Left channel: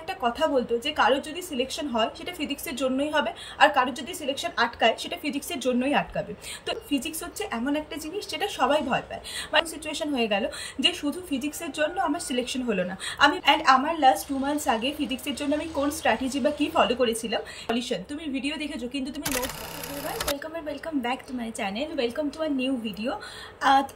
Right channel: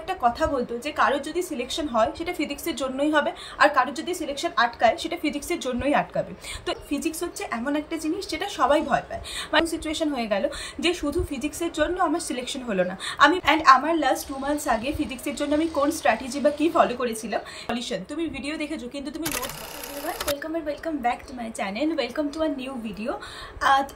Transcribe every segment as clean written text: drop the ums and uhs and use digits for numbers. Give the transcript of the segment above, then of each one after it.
একটা কথা বলতো যে কারোর যদি সিলেকশন হয় সেটা ফিজিক্সের জন্যই হবে, আর কারোর যদি সিলেকশন আটকায় সেটা ফিজিক্সের জন্যই আটকাবে। তো ফিজিক্স হচ্ছে এমন একটা জিনিস যেটা সবাই ভয় পায়। মানে সিচুয়েশন হয়ে গেল যে শুধু ফিজিক্সের জন্য আমার সিলেকশন হলো না। আমার লাস্ট 2 মান্থস আগে ফিজিক্সের জন্য আমি কোন স্ট্র্যাটেজি বা কি ফলো করেছিলাম সলিউশন তুমি ভিডিও দেখেছো, কিন্তু তুমি notes. Welcome back to my channel, welcome to our new video.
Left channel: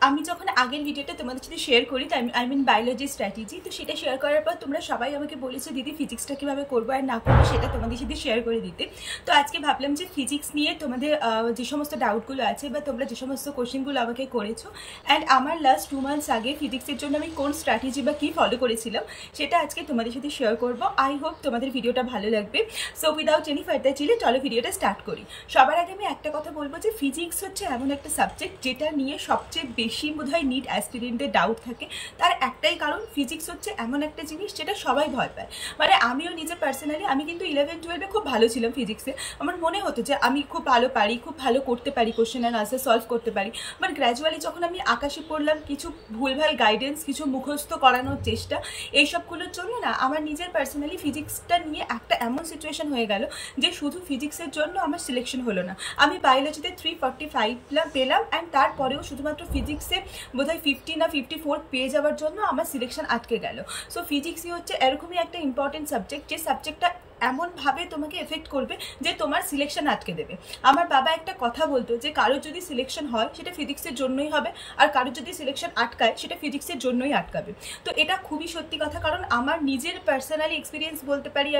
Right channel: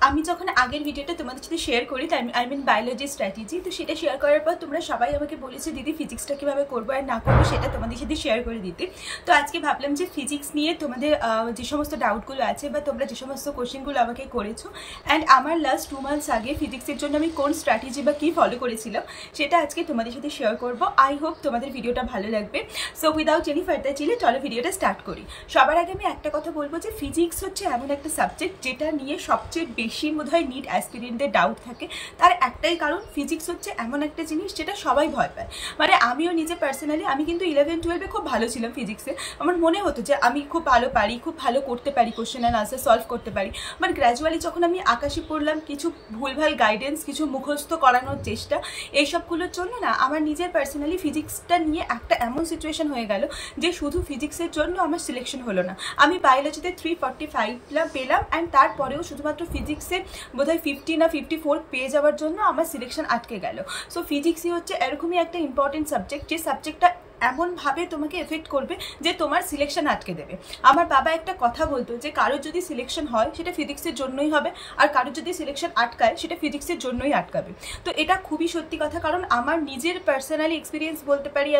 আমি যখন আগের ভিডিওটা তোমাদের সাথে শেয়ার করি, আই মিন বায়োলজি স্ট্র্যাটেজি, তো সেটা শেয়ার করার পর তোমরা সবাই আমাকে বলেছে দিদি ফিজিক্সটা কীভাবে করবো আর না করবো সেটা তোমাদের সাথে শেয়ার করে দিতে। তো আজকে ভাবলাম যে ফিজিক্স নিয়ে তোমাদের যে সমস্ত ডাউটগুলো আছে বা তোমরা যে সমস্ত কোশ্চেনগুলো আমাকে করেছো, অ্যান্ড আমার লাস্ট 2 মান্থস আগে ফিজিক্সের জন্য আমি কোন স্ট্র্যাটেজি বা কী ফলো করেছিলাম সেটা আজকে তোমাদের সাথে শেয়ার করবো। আই হোপ তোমাদের ভিডিওটা ভালো লাগবে। So without any further delay চলো ভিডিওটা স্টার্ট করি। সবার আগে আমি একটা কথা বলবো যে ফিজিক্স হচ্ছে এমন একটা সাবজেক্ট যেটা নিয়ে সবচেয়ে বেশি বোধহয় নিট অ্যাসপিরেন্টদের ডাউট থাকে। তার একটাই কারণ, ফিজিক্স হচ্ছে এমন একটা জিনিস যেটা সবাই ভয় পায়। মানে আমিও নিজে পার্সোনালি, আমি কিন্তু 11-12-এ খুব ভালো ছিলাম ফিজিক্সে। আমার মনে হতো যে আমি খুব ভালো পারি, খুব ভালো করতে পারি, কোশ্চেন অ্যান্ড আনসার সলভ করতে পারি। বাট গ্র্যাজুয়ালি যখন আমি আকাশে পড়লাম, কিছু ভুলভাল গাইডেন্স, কিছু মুখস্থ করানোর চেষ্টা, এইসবগুলোর জন্য না আমার নিজের পার্সোনালি ফিজিক্সটা নিয়ে একটা এমন সিচুয়েশন হয়ে গেল যে শুধু ফিজিক্সের জন্য আমার সিলেকশন হলো না। আমি বায়োলজিতে 345 পেলাম, অ্যান্ড তারপরেও শুধুমাত্র ফিজিক্সে বোধহয় 50 না 54 পেয়ে যাওয়ার জন্য আমার সিলেকশন আটকে গেল। সো ফিজিক্সই হচ্ছে এরকমই একটা ইম্পর্টেন্ট সাবজেক্ট, যে সাবজেক্টটা এমনভাবে তোমাকে এফেক্ট করবে যে তোমার সিলেকশন আটকে দেবে। আমার বাবা একটা কথা বলতো যে কারোর যদি সিলেকশন হয় সেটা ফিজিক্সের জন্যই হবে, আর কারোর যদি সিলেকশন আটকায় সেটা ফিজিক্সের জন্যই আটকাবে। তো এটা খুবই সত্যি কথা, কারণ আমার নিজের পার্সোনালি এক্সপিরিয়েন্স বলতে পারি।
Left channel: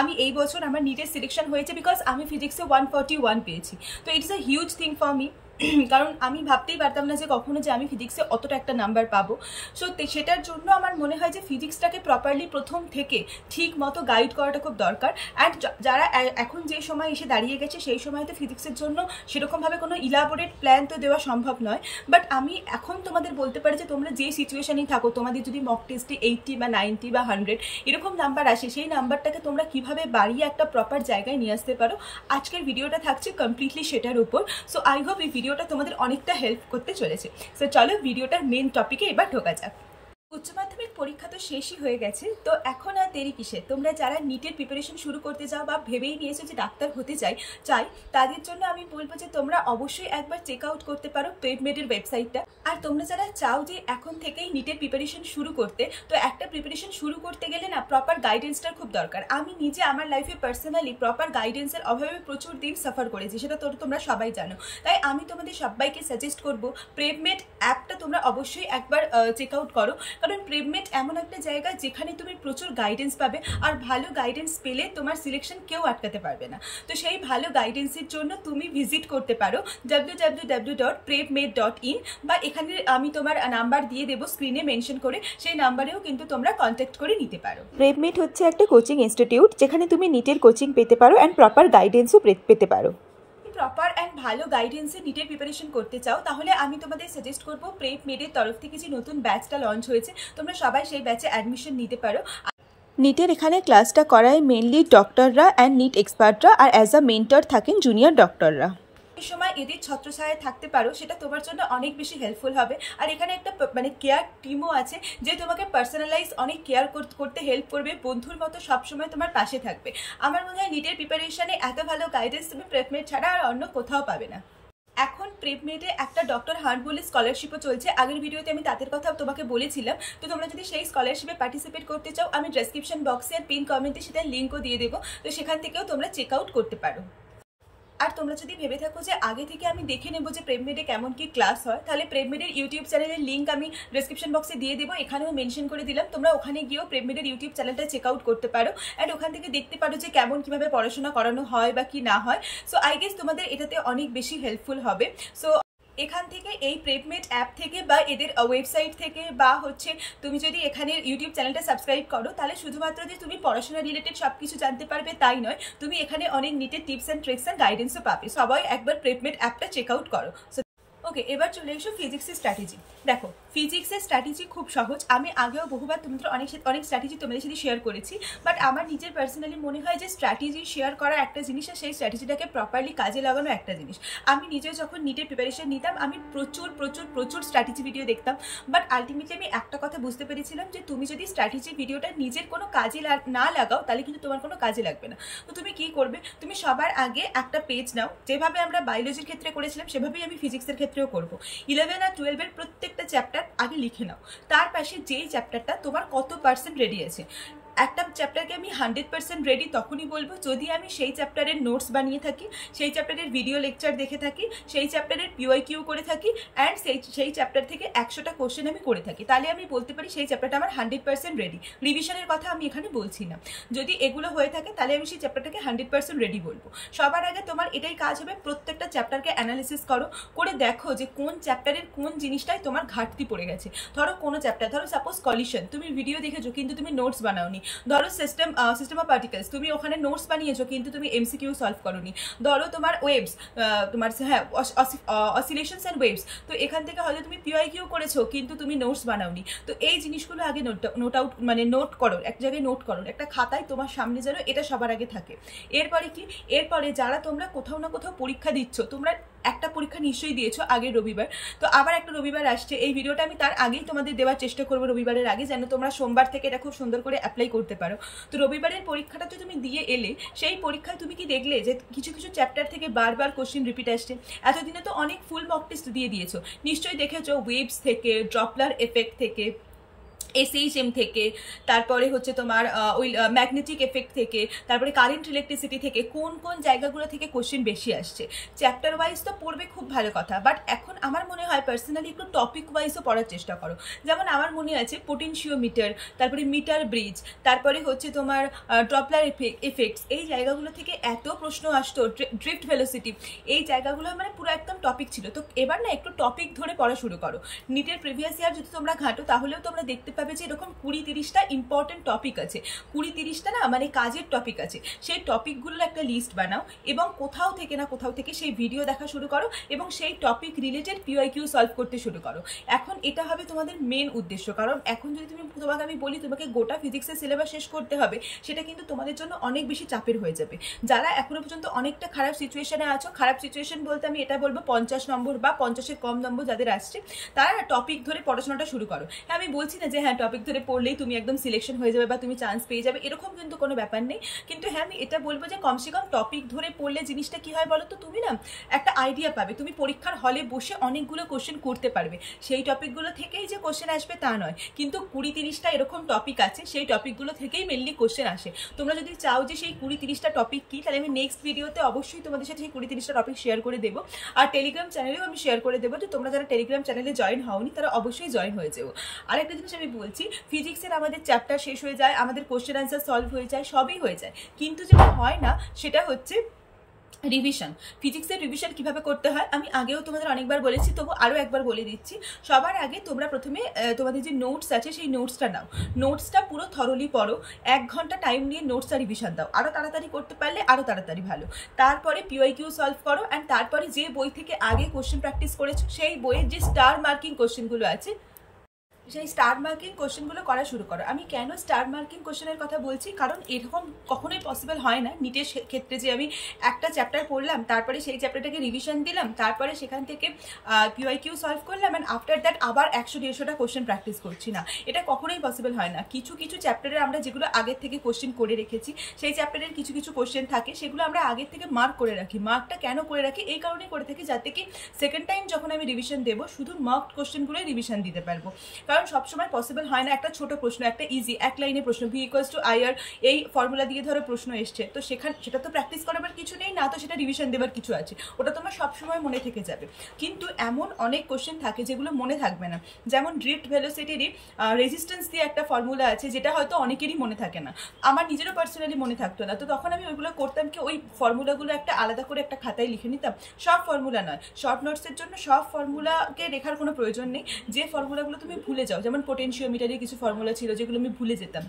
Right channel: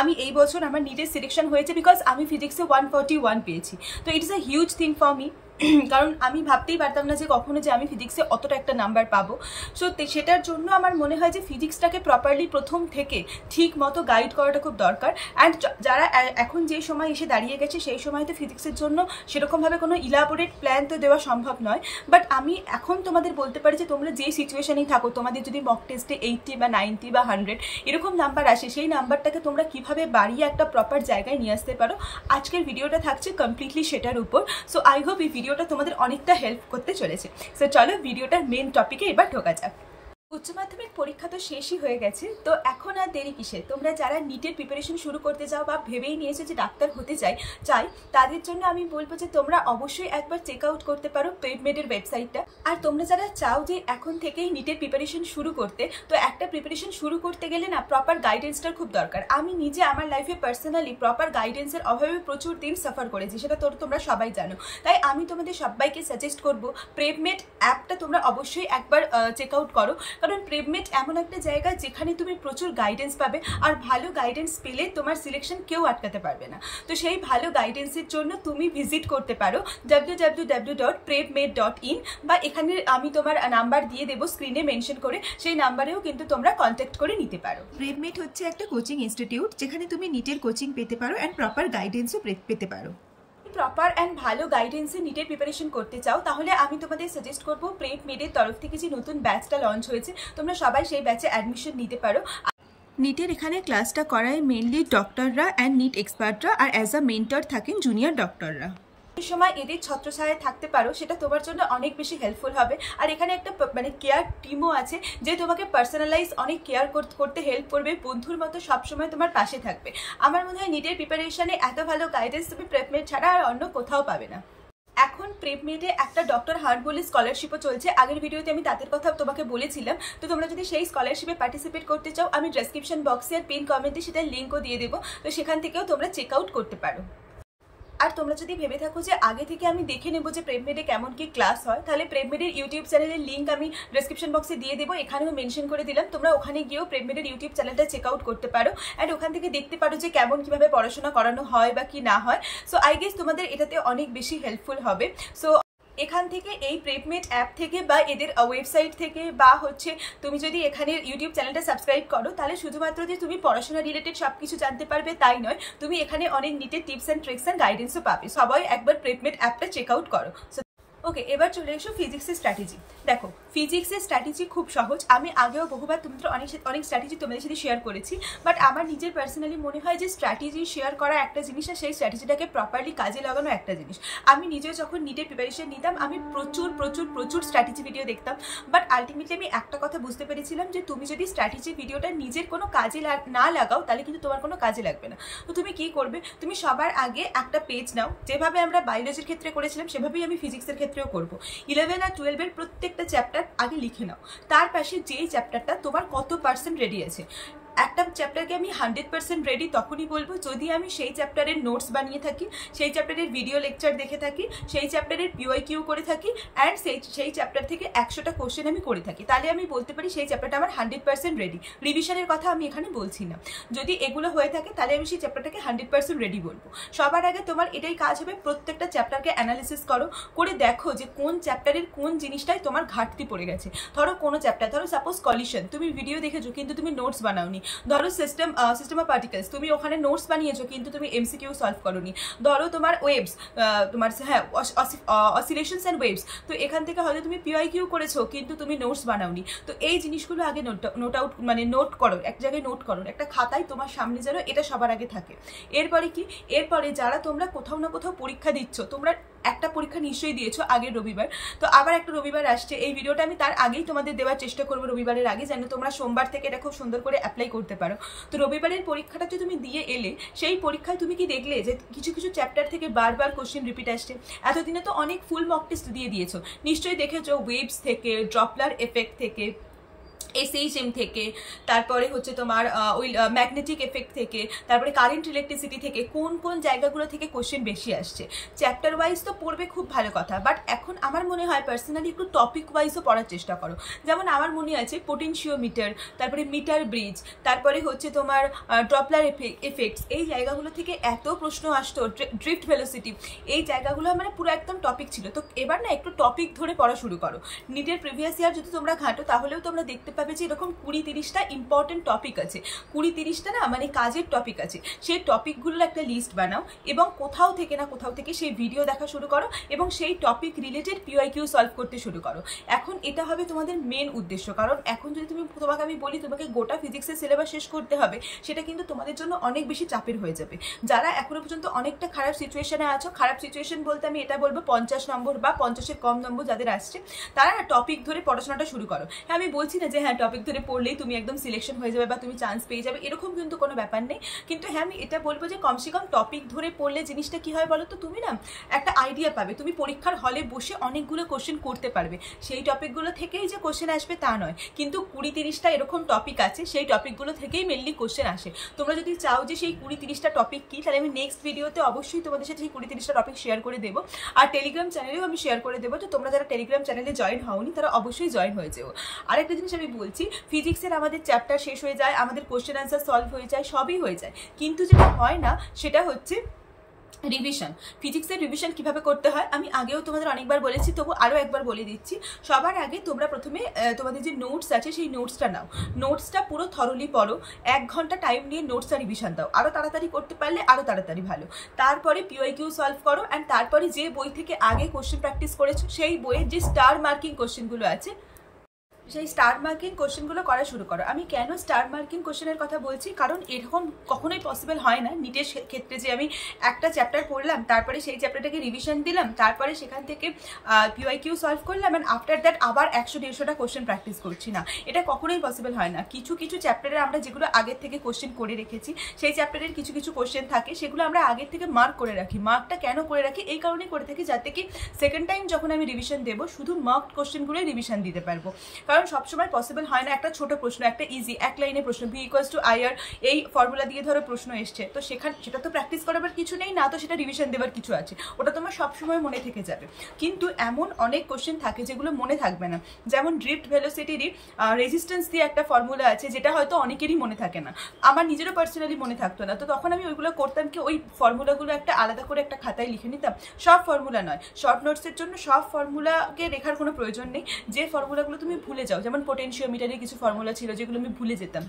আমি এই বছর আমার নিজের সিলেকশন হয়েছে বিকজ আমি ফিজিক্সে 141 পেয়েছি। তো it is a huge thing for me, কারণ আমি ভাবতেই পারতাম না যে কখনো যে আমি ফিজিক্সে অতটা একটা নাম্বার পাবো। সো সেটার জন্য আমার মনে হয় যে ফিজিক্সটাকে প্রপারলি প্রথম থেকে ঠিক মতো গাইড করাটা খুব দরকার। অ্যান্ড যারা এখন যে সময় এসে দাঁড়িয়ে গেছে সেই সময়তে ফিজিক্সের জন্য সেরকমভাবে কোনো ইলাবোরেট প্ল্যান তো দেওয়া সম্ভব নয়। বাট আমি এখন তোমাদের বলতে পারি যে তোমরা যে সিচুয়েশনেই থাকো, তোমাদের যদি মক টেস্টে 80 বা 90 বা 100 এরকম নাম্বার আসে, সেই নাম্বারটাকে তোমরা কিভাবে বাড়িয়ে একটা প্রপার জায়গায় নিয়ে আসতে পারো, আজকের ভিডিওটা থাকছে কমপ্লিটলি সেটার উপর। সো আই হোপ এই ভিডিওটা তোমাদের অনেকটা হেল্প করতে চলেছে। সো চলো ভিডিওটার মেন টপিকে এবার ঢোকা যাক। উচ্চ মাধ্যমিক পরীক্ষা তো শেষই হয়ে গেছে, তো এখন আর দেরি কিসে? তোমরা যারা নিটের প্রিপারেশন শুরু করতে যাও বা ভেবেই নিয়েছো যে ডাক্তার হতে চাই তাদের জন্য আমি বলবো যে তোমরা অবশ্যই একবার চেক আউট করতে পারো প্রেপমেডের ওয়েবসাইটটা। আর তোমরা যারা চাও যে এখন থেকেই নিটের প্রিপারেশন শুরু করতে, তো একটা প্রিপারেশন শুরু করতে গেলে না প্রপার গাইডেন্সটার খুব দরকার। আমি নিজে আমার লাইফে পার্সোনালি প্রপার গাইডেন্সের অভাবে প্রচুর দিন সাফার করেছি, সেটা তোমরা সবাই জানো। তাই আমি তোমাদের সবাইকে সাজেস্ট করবো প্রেপমেড অ্যাপটা তোমরা অবশ্যই একবার চেক আউট করো, কারণ প্রেপমেড এমন একটা জায়গা যেখানে তুমি প্রচুর গাইডেন্স পাবে, আর ভালো গাইডেন্স পেলে তোমার সিলেকশন কেউ আটকাতে পারবে না। তো সেই ভালো গাইডেন্সের জন্য তুমি ভিজিট করতে পারো www.prepmed.in, বা এখানে আমি তোমার নাম্বার দিয়ে দেবো স্ক্রিনে মেনশন করে, সেই নাম্বারেও কিন্তু তোমরা কন্ট্যাক্ট করে নিতে পারো। প্রেপমেড হচ্ছে একটা কোচিং ইনস্টিটিউট যেখানে তুমি নিটের কোচিং পেতে পারো অ্যান্ড প্রপার গাইডেন্সও পেতে পারো। প্রপার অ্যান্ড ভালো গাইডেন্সে নিটের প্রিপারেশন করতে চাও তাহলে আমি তোমাদের সাজেস্ট করবো প্রেপমেডের তরফ থেকে যে নতুন ব্যাচটা লঞ্চ হয়েছে, তোমরা সবাই সেই ব্যাচে অ্যাডমিশন নিতে পারো। নিটের এখানে ক্লাসটা করায় মেনলি ডক্টররা অ্যান্ড নিট এক্সপার্টরা, আর অ্যাজ আ মেন্টর থাকেন জুনিয়র ডক্টররা। এই সময় এদের ছত্রছায়ায় থাকতে পারো, সেটা তোমার জন্য অনেক বেশি হেল্পফুল হবে। আর এখানে একটা কেয়ার টিমও আছে যে তোমাকে পার্সোনালাইজ অনেক কেয়ার করতে হেল্প করবে, বন্ধুর মতো সবসময় তোমার পাশে থাকবে। আমার মনে হয় নিটের প্রিপারেশনে এত ভালো গাইডেন্স তুমি প্রেপমেড ছাড়া আর অন্য কোথাও পাবে না। এখন প্রেপমেডে একটা ডক্টর হার্ট বলে স্কলারশিপও চলছে, আগের ভিডিওতে আমি তাদের কথা তোমাকে বলেছিলাম। তো তোমরা যদি সেই স্কলারশিপে পার্টিসিপেট করতে চাও, আমি ডেসক্রিপশন বক্সে আর পিন কমেন্টে সেটার লিঙ্কও দিয়ে দেবো, তো সেখান থেকেও তোমরা চেক আউট করতে পারো। আর তোমরা যদি ভেবে থাকো যে আগে থেকে আমি দেখে নেবো যে প্রেপমেডে কেমন কি ক্লাস হয়, তাহলে প্রেপমেডের ইউটিউব চ্যানেলের লিঙ্ক আমি ডেসক্রিপশন বক্সে দিয়ে দেবো, এখানেও মেনশন করে দিলাম। তোমরা ওখানে গিয়েও প্রেপমেডের ইউটিউব চ্যানেলটা চেক আউট করতে পারো, অ্যান্ড ওখান থেকে দেখতে পারো যে কেমন কিভাবে পড়াশোনা করানো হয় বা কি না হয়। সো আই গেস তোমাদের এটাতে অনেক বেশি হেল্পফুল হবে। সো এখান থেকে এই প্রেপমেড অ্যাপ থেকে বা এদের ওয়েবসাইট থেকে বা হচ্ছে তুমি যদি এখানে ইউটিউব চ্যানেলটা সাবস্ক্রাইব করো, তাহলে শুধুমাত্র যে তুমি পড়াশোনা রিলেটেড সব কিছু জানতে পারবে তাই নয়, তুমি এখানে অনেক নিটের টিপস অ্যান্ড ট্রিক্স অ্যান্ড গাইডেন্সও পাবে। সবাই একবার প্রেপমেড অ্যাপটা চেক আউট করো। ওকে, এবার চলে এসো ফিজিক্সের স্ট্র্যাটেজি। দেখো, ফিজিক্সের স্ট্র্যাটেজি খুব সহজ। আমি আগেও বহুবার তোমাদের অনেক স্ট্র্যাটেজি তোমাদের সাথে শেয়ার করেছি, বাট আমার নিজের পার্সোনালি মনে হয় যে স্ট্র্যাটেজি শেয়ার করা একটা জিনিস, আর সেই স্ট্র্যাটেজিটাকে প্রপারলি কাজে লাগানো একটা জিনিস। আমি নিজেও যখন নিটের প্রিপারেশন নিতাম, আমি প্রচুর প্রচুর প্রচুর স্ট্র্যাটেজি ভিডিও দেখতাম, বাট আলটিমেটলি আমি একটা কথা বুঝতে পেরেছিলাম যে তুমি যদি স্ট্র্যাটেজি ভিডিওটা নিজের কোনো কাজে না লাগাও, তাহলে কিন্তু তোমার কোনো কাজে লাগবে না। তো তুমি কি করবে, তুমি সবার আগে একটা পেজ নাও, যেভাবে আমরা বায়োলজির ক্ষেত্রে করেছিলাম সেভাবেই আমি ফিজিক্সের ক্ষেত্রেও করবো। 11 আর 12 প্রত্যেকটা চ্যাপ্টার আগে লিখে নাও, তার পাশে যেই চ্যাপ্টারটা তোমার কত পার্সেন্ট রেডি আছে। একটা চ্যাপ্টারকে আমি 100% রেডি তখনই বলবো যদি আমি সেই চ্যাপ্টারের নোটস বানিয়ে থাকি, সেই চ্যাপ্টারের ভিডিও লেকচার দেখে থাকি, সেই চ্যাপ্টারের PYQ করে থাকি, অ্যান্ড সেই চ্যাপ্টার থেকে 100টা কোশ্চেন আমি করে থাকি, তাহলে আমি বলতে পারি সেই চ্যাপ্টারটা আমার 100% রেডি। রিভিশনের কথা আমি এখানে বলছি না। যদি এগুলো হয়ে থাকে তাহলে আমি সেই চ্যাপ্টারটাকে 100% রেডি বলবো। সবার আগে তোমার এটাই কাজ হবে, প্রত্যেকটা চ্যাপ্টারকে অ্যানালিসিস করো, করে দেখো যে কোন চ্যাপ্টারের কোন জিনিসটাই তোমার ঘাটতি পড়ে গেছে। ধরো কোনো চ্যাপ্টার, ধরো সাপোজ কলিশন, তুমি ভিডিও দেখেছো কিন্তু তুমি নোটস বানাওনি। ধরো সিস্টেম অফ পার্টিকেলস, তুমি ওখানে নোটস বানিয়েছো কিন্তু তুমি MCQ সলভ করোনি। ধরো তোমার ওয়েভস, তোমার হ্যাঁ অসিলেশনস অ্যান্ড ওয়েভস, তো এখান থেকে হয়তো তুমি PYQ করেছো কিন্তু তুমি নোটস বানাওনি। তো এই জিনিসগুলো আগে নোট করো, এক জায়গায় নোট করো, একটা খাতায় তোমার সামনে যেন এটা সবার আগে থাকে। এরপরে কি, এরপরে যারা তোমরা কোথাও না কোথাও পরীক্ষা দিচ্ছ, তোমরা একটা পরীক্ষা নিশ্চয়ই দিয়েছো আগের রবিবার, তো আবার একটা রবিবার আসছে, এই ভিডিওটা আমি তার আগেই তোমাদের দেওয়ার চেষ্টা করবো, রবিবারের আগে, যেন তোমরা সোমবার থেকে এটা খুব সুন্দর করে অ্যাপ্লাই করতে পারো। তো রবিবারের পরীক্ষাটা যে তুমি দিয়ে এলে, সেই পরীক্ষায় তুমি কি দেখলে যে কিছু কিছু চ্যাপ্টার থেকে বারবার কোশ্চেন রিপিট আসছে। এতদিনে তো অনেক ফুল মক টেস্ট দিয়ে দিয়েছো, নিশ্চয়ই দেখেছো ওয়েভস থেকে, ড্রপলার এফেক্ট থেকে, SHM থেকে, তারপরে হচ্ছে তোমার ওই ম্যাগনেটিক এফেক্ট থেকে, তারপরে কারেন্ট ইলেকট্রিসিটি থেকে, কোন কোন জায়গাগুলো থেকে কোশ্চেন বেশি আসছে। চ্যাপ্টার ওয়াইজ তো পড়বে, খুব ভালো কথা, বাট এখন আমার মনে হয় পার্সোনালি একটু টপিক ওয়াইজও পড়ার চেষ্টা করো। যেমন আমার মনে আছে পোটেনশিওমিটার, তারপরে মিটার ব্রিজ, তারপরে হচ্ছে তোমার ড্রপলার এফেক্টস, এই জায়গাগুলো থেকে এত প্রশ্ন আসতো, ড্রিফট ভেলোসিটি, এই জায়গাগুলো মানে পুরো একদম টপিক ছিল। তো এবার না একটু টপিক ধরে পড়া শুরু করো। নিটের প্রিভিয়াস ইয়ার যদি তোমরা ঘাঁটো তাহলেও তোমরা দেখতে পাবে যে এরকম 20-30টা ইম্পর্টেন্ট টপিক আছে, 20-30টা না মানে কাজের টপিক আছে। সেই টপিকগুলোর একটা লিস্ট বানাও এবং কোথাও থেকে না কোথাও থেকে সেই ভিডিও দেখা শুরু করো এবং সেই টপিক রিলেটেড PYQ সলভ করতে শুরু করো। এখন এটা হবে তোমাদের মেন উদ্দেশ্য, কারণ এখন যদি তোমাকে আমি বলি তোমাকে গোটা ফিজিক্সের সিলেবাস শেষ করতে হবে, সেটা কিন্তু তোমাদের জন্য অনেক বেশি চাপের হয়ে যাবে। যারা এখনো পর্যন্ত অনেকটা খারাপ সিচুয়েশনে আছো, খারাপ সিচুয়েশন বলতে আমি এটা বলবো 50 নম্বর বা 50-এর কম নম্বর যাদের আসছে, তারা টপিক ধরে পড়াশোনাটা শুরু করো। হ্যাঁ, আমি বলছি না যে হ্যাঁ টপিক ধরে পড়লেই তুমি একদম সিলেকশন হয়ে যাবে বা তুমি চান্স পেয়ে যাবে, এরকম কিন্তু কোনো ব্যাপার নেই। কিন্তু হ্যাঁ, আমি এটা বলবো যে কমসে কম টপিক ধরে পড়লে জিনিসটা কি হয় বলো তো, তুমি না একটা আইডিয়া পাবে, তুমি পরীক্ষার হলে বসে অনেকগুলো কোশ্চেন করতে পারবে। সেই টপিকগুলো থেকেই যে কোশ্চেন আসবে তা নয়, কিন্তু 20-30টা এরকম টপিক আছে, সেই টপিকগুলো থেকেই মেনলি কোশ্চেন আসে। তোমরা যদি চাও যে সেই 20-30টা টপিক কি, তাহলে আমি নেক্সট ভিডিওতে অবশ্যই তোমাদের সাথে সেই 20-30টা টপিক শেয়ার করে দেবো। আর টেলিগ্রাম চ্যানেলেও আমি শেয়ার করে দেবো, যে তোমরা যারা টেলিগ্রাম চ্যানেলে জয়েন হওনি তারা অবশ্যই জয়েন হয়ে যাও। আরেকটা জিনিস আমি বলছি, ফিজিক্সের আমাদের চ্যাপ্টার শেষ হয়ে যায়, আমাদের কোশ্চেন আনসার সলভ হয়ে যায়, সবই হয়ে যায়, কিন্তু যেটা হয় না সেটা হচ্ছে রিভিশন। ফিজিক্সের রিভিশন কিভাবে করতে হয় আমি আগেও তোমাদের অনেকবার বলেছি, তবু আরও একবার বলে দিচ্ছি। সবার আগে তোমরা প্রথমে তোমাদের যে নোটস আছে সেই নোটসটা নাও, নোটসটা পুরো থরলি পড়ো, 1 ঘন্টা টাইম নিয়ে নোটসটা রিভিশন দাও, আরও তাড়াতাড়ি করতে পারলে আরও তাড়াতাড়ি ভালো। তারপরে PYQ সলভ করো, অ্যান্ড তারপরে যে বই থেকে আগে কোশ্চেন প্র্যাকটিস করেছো সেই বইয়ের যে স্টার মার্কিং কোশ্চেনগুলো আছে সেই স্টার মার্কিং কোশ্চেনগুলো করা শুরু করো। আমি কেন স্টার মার্কিং কোশ্চেনের কথা বলছি, কারণ এরকম কখনোই পসিবল হয় না নিটের ক্ষেত্রে যে আমি একটা চ্যাপ্টার পড়লাম, তারপরে সেই চ্যাপ্টারটাকে রিভিশন দিলাম, তারপরে সেখান থেকে PYQ সলভ করলাম, অ্যান্ড আফটার দ্যাট আবার 100-150টা কোশ্চেন প্র্যাকটিস করছি না, এটা কখনোই পসিবল হয় না। কিছু কিছু চ্যাপ্টারে আমরা যেগুলো আগের থেকে কোশ্চেন করে রেখেছি, সেই চ্যাপ্টারের কিছু কিছু কোশ্চেন থাকে সেগুলো আমরা আগের থেকে মার্ক করে রাখি। মার্কটা কেন করে রাখি, এই কারণেই করে থাকি যাতে কি সেকেন্ড টাইম যখন আমি রিভিশন দেবো শুধু মার্কড কোশ্চেনগুলোই রিভিশন দিতে পারবো। কারণ সবসময় পসিবল হয় না একটা ছোট প্রশ্ন, একটা ইজি 1 লাইনে প্রশ্ন, V=IR এই ফর্মুলা দিয়ে ধরো প্রশ্ন এসছে, তো সেটা তো প্র্যাকটিস করাবার কিছু নেই না, তো সেটা রিভিশন দেওয়ার কিছু আছে, ওটা তোমার সবসময় মনে থেকে যাবে। কিন্তু এমন অনেক কোশ্চেন থাকে যেগুলো মনে থাকবে না, যেমন ড্রিফট ভেলোসিটিরই রেজিস্ট্যান্স দিয়ে একটা ফর্মুলা আছে যেটা হয়তো অনেকেরই মনে থাকে না, আমার নিজেরও পার্সোনালি মনে থাকতো না। তো তখন আমি ওইগুলো করতাম কি, ওই ফর্মুলাগুলো একটা আলাদা করে একটা খাতায় লিখে নিতাম, সব ফর্মুলা নয়, শর্ট নোটসের জন্য সব ফর্মুলাকে লেখার কোনো প্রয়োজন নেই। যে ফর্মুলাগুলো তুমি ভুলে যাও, যেমন পোটেনশিওমিটারের কিছু ফর্মুলা ছিল যেগুলো আমি ভুলে যেতাম,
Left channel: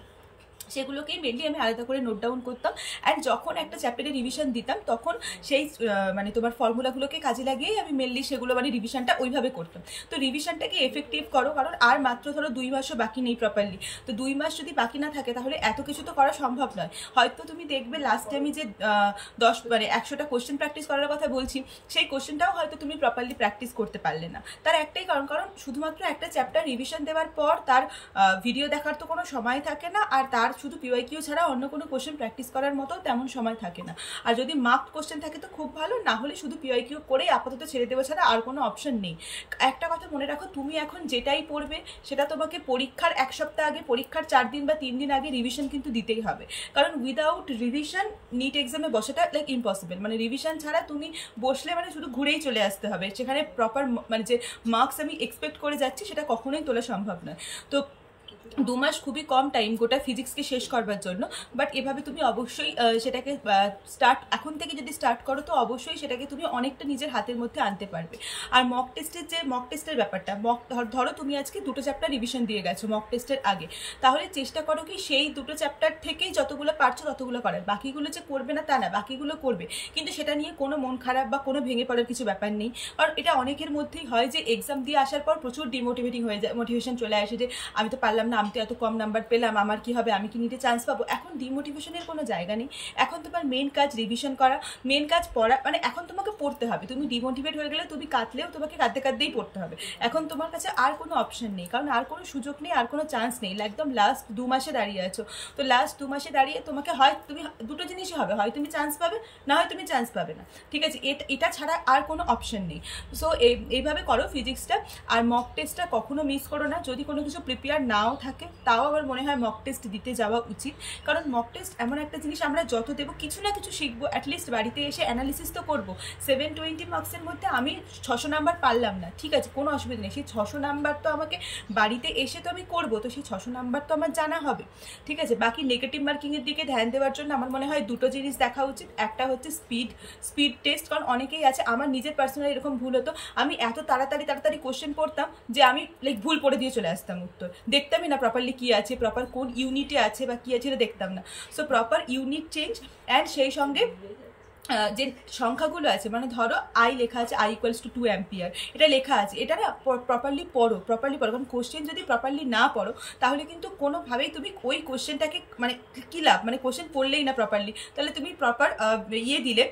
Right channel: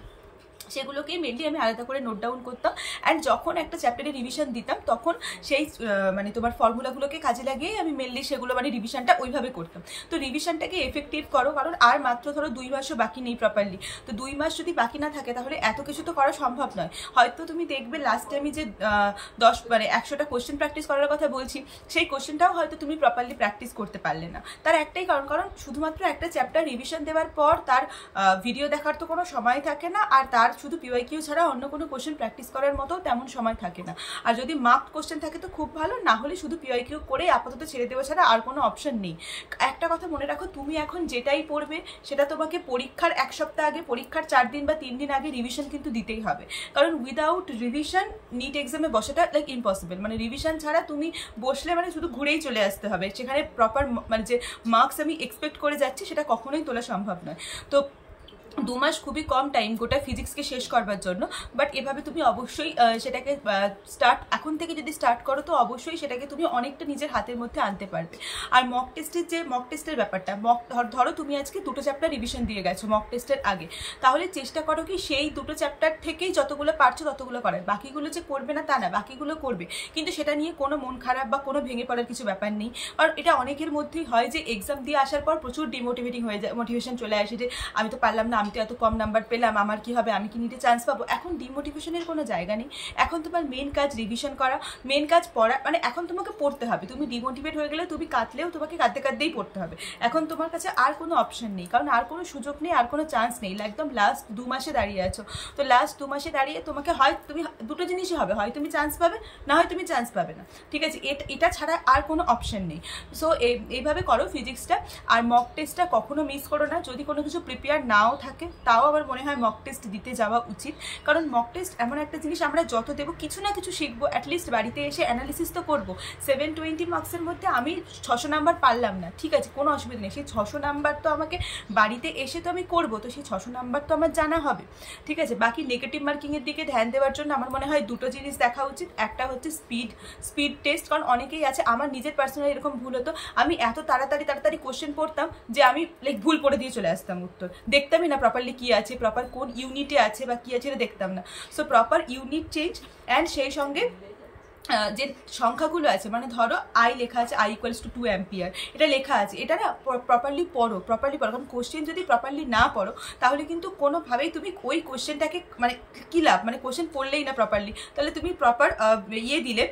সেগুলোকেই মেনলি আমি আলাদা করে নোট ডাউন করতাম। অ্যান্ড যখন একটা চ্যাপ্টারে রিভিশন দিতাম তখন সেই মানে তোমার ফর্মুলাগুলোকে কাজে লাগিয়েই আমি মেনলি সেগুলো মানে রিভিশনটা ওইভাবে করতাম। তো রিভিশনটাকে এফেক্টিভ করো, কারণ আর মাত্র ধরো 2 মাসও বাকি নেই প্রপারলি। তো 2 মাস যদি বাকি না থাকে তাহলে এত কিছু তো করা সম্ভব নয়। হয়তো তুমি দেখবে লাস্টে আমি যে 100টা কোশ্চেন প্র্যাকটিস করার কথা বলছি, সেই কোশ্চেনটাও হয়তো তুমি প্রপারলি প্র্যাকটিস করতে পারলে না। তার একটাই কারণ শুধুমাত্র একটা চ্যাপ্টার রিভিশন দেওয়ার পর তার ভিডিও দেখার তো কোনো সময় থাকে না, আর তার শুধু পিওয়াইকিউ ছাড়া অন্য কোনো কোশ্চেন প্র্যাকটিস করার মতো তেমন সময় থাকে না। আর যদি মার্কড কোশ্চেন থাকে তো খুব ভালো, না হলে শুধু পিওয়াইকিউ করে আপাতত ছেড়ে দেওয়া ছাড়া আর কোনো অপশন নেই। একটা কথা মনে রাখো, তুমি এখন যেটাই পড়বে সেটা তোমাকে পরীক্ষার 1 সপ্তাহ আগে, পরীক্ষার 4 দিন বা 3 দিন আগে রিভিশন কিন্তু দিতেই হবে। কারণ উইদাউট রিভিশন নিট এক্সামে বসাটা লাইক ইম্পসিবল। মানে রিভিশন ছাড়া তুমি বসলে মানে শুধু ঘুরেই চলে আসতে হবে, সেখানে প্রপার মানে যে মার্কস আমি এক্সপেক্ট করে যাচ্ছি সেটা কখনোই তোলা সম্ভব নয়। তো 2 মাস খুবই কম টাইম গোটা ফিজিক্সকে শেষ করবার জন্য। বাট এভাবে তুমি অবশ্যই সেটাকে এখন থেকে যদি স্টার্ট করো তো অবশ্যই সেটাকে তুমি অনেকটা নিজের হাতের মধ্যে আনতে পারবে। আর মক টেস্টের ব্যাপারটা, ধরো তুমি আজকে 2টো চ্যাপ্টার রিভিশন দিয়ে গেছো মক টেস্টের আগে, তাহলে চেষ্টা করো কি সেই 2টো চ্যাপ্টার থেকেই যতগুলো পারছো ততগুলো করার। বাকিগুলো যে করবে না তা না, বাকিগুলো করবে, কিন্তু সেটা নিয়ে কোনো মন খারাপ বা কোনো ভেঙে পড়ার কিছু ব্যাপার নেই। কারণ এটা অনেকের মধ্যেই হয় যে এক্সাম দিয়ে আসার পর প্রচুর ডিমোটিভেটিং হয়ে যায়, মোটিভেশন চলে আসে যে আমি তো পারলাম না, আমি তো এত কম নাম্বার পেলাম, আমার কি হবে, আমি কি নিতে চান্স পাবো। এখন ডিমোটিভেশনের কোনো জায়গা নেই। এখন তোমার মেন কাজ রিভিশন করা, মেন কাজ পড়া। মানে এখন তোমাকে পড়তে হবে। তুমি ডিমোটিভেট হয়ে গেলে তুমি কাঁদলেও তোমাকে কাঁদতেই পড়তে হবে। এখন তোমার কাছে আর কোনো অপশন নেই, কারণ আর কোনো সুযোগ নেই, আর কোনো চান্স নেই। একদম লাস্ট 2 মাসে দাঁড়িয়ে আছো। তো লাস্ট 2 মাসে দাঁড়িয়ে তোমাকে হয় তুমি দুটো জিনিসই হবে, হয় তুমি চান্স পাবে, না হয় তুমি চান্স পাবে না। ঠিক আছে, এটা ছাড়া আর কোনো অপশন নেই। সো এইভাবে করো ফিজিক্সটা। আর মক টেস্টটা কখনো মিস করো না। যদি কোনো কিছু প্রিপেয়ার নাও থাকে তাও আমার মনে হয় মক টেস্ট দিতে যাওয়া উচিত। কারণ মক টেস্ট এমন একটা জিনিস, আমরা যত দেবো কিছু না কিছু শিখবো। অ্যাটলিস্ট বাড়িতে এসে অ্যানালিসিস তো করবো। 720 মার্কসের মধ্যে আমি 600 নাম্বার পারলাম না, ঠিক আছে, কোনো অসুবিধা নেই। সেই 600 নাম্বার তো আমাকে বাড়িতে এসে তো আমি করবো, তো সেই 600 নাম্বার তো আমার জানা হবে। ঠিক আছে, বাকি নেগেটিভ মার্কিংয়ের দিকে ধ্যান দেওয়ার জন্য আমার মনে হয় 2টো জিনিস দেখা উচিত। একটা হচ্ছে স্পিড টেস্ট। কারণ অনেকেই আছে, আমার নিজের পার্সোনালি এরকম ভুল হতো, আমি এত তাড়াতাড়ি কোশ্চেন পড়তাম যে আমি লাইক ভুল পড়ে দিয়ে চলে আসতাম, উত্তর দেখতামই না প্রপারলি কি আছে, প্রপার কোন ইউনিটে আছে বা কি আছে এটা দেখতাম না। So proper unit change, and সেই সঙ্গে যে সংখ্যাগুলো আছে, মানে ধরো আই লেখা আছে I = 2 অ্যাম্পিয়ার, এটা লেখা আছে, এটা না প্রপারলি পড়ো। কারণ কোশ্চেন যদি প্রপারলি না পড়ো তাহলে কিন্তু কোনোভাবেই তুমি ওই কোশ্চেনটাকে মানে কী লাভ, মানে কোশ্চেন পড়লেই না প্রপারলি, তাহলে তুমি প্রপার দিলে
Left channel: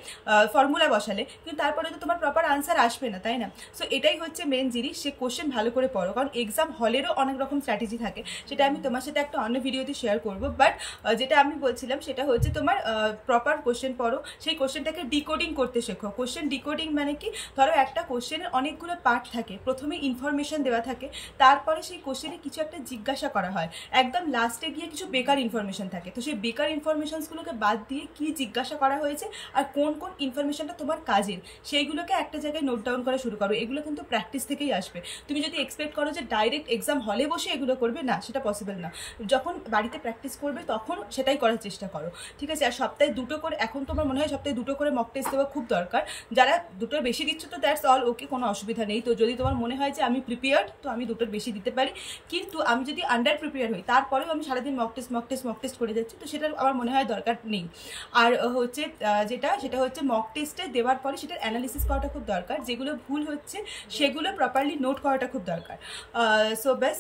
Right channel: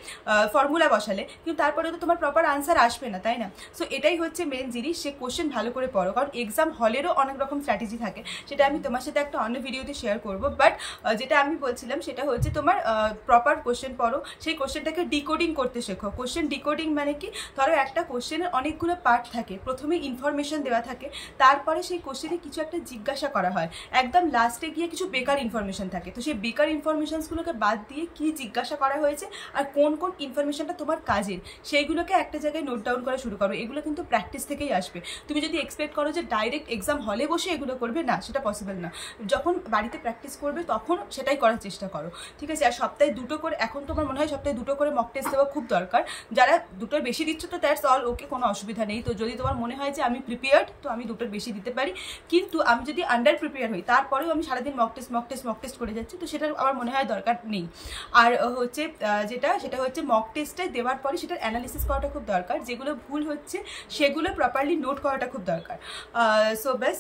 ফর্মুলা বসালে, কিন্তু তারপরে তো তোমার প্রপার আনসার আসবে না, তাই না? সো এটাই হচ্ছে মেন জিনিস, সে কোশ্চেন ভালো করে পড়ো। কারণ এক্সাম হলেরও অনেক রকম স্ট্র্যাটেজি থাকে, সেটা আমি তোমার সাথে একটা অন্য ভিডিওতে শেয়ার করবো। বাট যেটা আমি বলছিলাম সেটা হচ্ছে তোমার প্রপার কোশ্চেন পড়ো, সেই কোশ্চেনটাকে ডিকোডিং করতে শেখো। কোশ্চেন ডিকোডিং মানে কি, ধরো একটা কোশ্চেনের অনেকগুলো পার্ট থাকে, প্রথমে ইনফরমেশন দেওয়া থাকে, তারপরে সেই কোশ্চেনে কিছু একটা জিজ্ঞাসা করা হয়, একদম লাস্টে গিয়ে কিছু বেকার ইনফরমেশন থাকে। তো সেই বেকার ইনফরমেশনসগুলোকে বাদ দিয়ে কি জিজ্ঞাসা করা হয়েছে আর কোন কোন ইনফরমেশনটা তোমার কাজের, সেইগুলোকে একটা জায়গায় নোট ডাউন করা শুরু করো। এগুলো কিন্তু প্র্যাকটিস থেকেই আসবে। তুমি যদি এক্সপেক্ট করো যে ডাইরেক্ট এক্সাম হলে বসে এগুলো করবে, না, সেটা পসিবল না। যখন বাড়িতে প্র্যাকটিস করবে তখন সেটাই করার চেষ্টা করো, ঠিক আছে? আর সপ্তাহে 2টো করে, এখন তোমার মনে হয় সপ্তাহে 2টো করে মক টেস্ট দেওয়া খুব দরকার। যারা 2টোর বেশি দিচ্ছ তো দ্যাটস অল ওকে, কোনো অসুবিধা নেই। তো যদি তোমার মনে হয় যে আমি প্রিপেয়ার্ড, তো আমি 2টোর বেশি দিতে পারি। কিন্তু আমি যদি আন্ডার প্রিপেয়ার হই, তারপরেও আমি সারাদিন মক টেস্ট করে যাচ্ছি, তো সেটার আমার মনে হয় দরকার নেই। আর হচ্ছে সেটা হচ্ছে মক টেস্টে দেওয়ার পরে সেটার অ্যানালিসিস করাটা খুব দরকার। যেগুলো ভুল হচ্ছে সেগুলো প্রপারলি নোট করাটা খুব দরকার। সো ব্যাস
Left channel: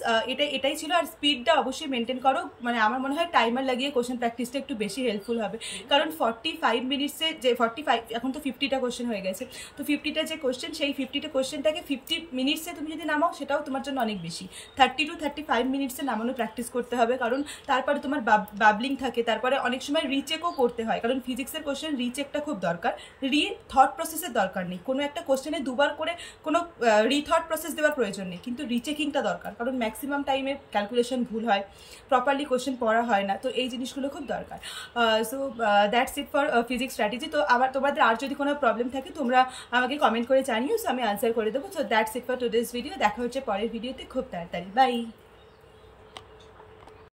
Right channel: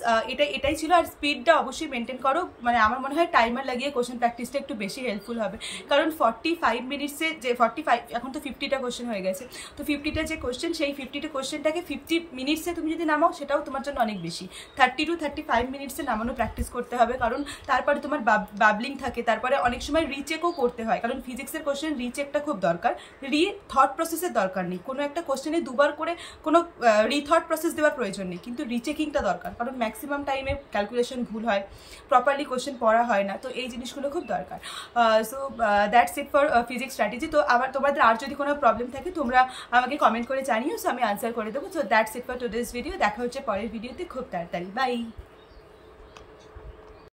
এটাই ছিল। আর স্পিডটা অবশ্যই মেনটেন করো। মানে আমার মনে হয় টাইমার লাগিয়ে কোশ্চেন প্র্যাকটিসটা একটু বেশি হেল্পফুল হবে। কারণ 45 মিনিটসে যে 45, এখন তো 50টা কোশ্চেন হয়ে গেছে, তো 50টা যে কোশ্চেন, সেই 50টা কোশ্চেনটাকে 50 মিনিটসে তুমি যদি নামাও সেটাও তোমার জন্য অনেক বেশি। 30 to 35 মিনিটসে নামানো প্র্যাকটিস করতে হবে। কারণ তারপরে তোমার বাবলিং থাকে, তারপরে অনেক সময় রিচেকও করতে হয়। কারণ ফিজিক্সের কোশ্চেন রিচেকটা খুব দরকার। থট প্রসেসের দরকার নেই, কোনো একটা কোশ্চেনে 2বার করে কোনো রিথট প্রসেস দেওয়ার প্রয়োজন নেই, কিন্তু রিচেকিংটা দরকার। কারণ ম্যাক্সিমাম টাইমে ক্যালকুলেশন ভুল হয়, প্রপারলি কোশ্চেন পড়া হয় না, তো এই জিনিসগুলো খুব দরকার। So that's it for physics strategy. তো আবার তোমাদের আর যদি কোনো প্রবলেম থাকে তোমরা আমাকে কমেন্ট করে জানিও, সো আমি আনসার করে দেবো। So that's it for today's video. দেখা হচ্ছে পরের ভিডিওতে খুব তাড়াতাড়ি। বাই।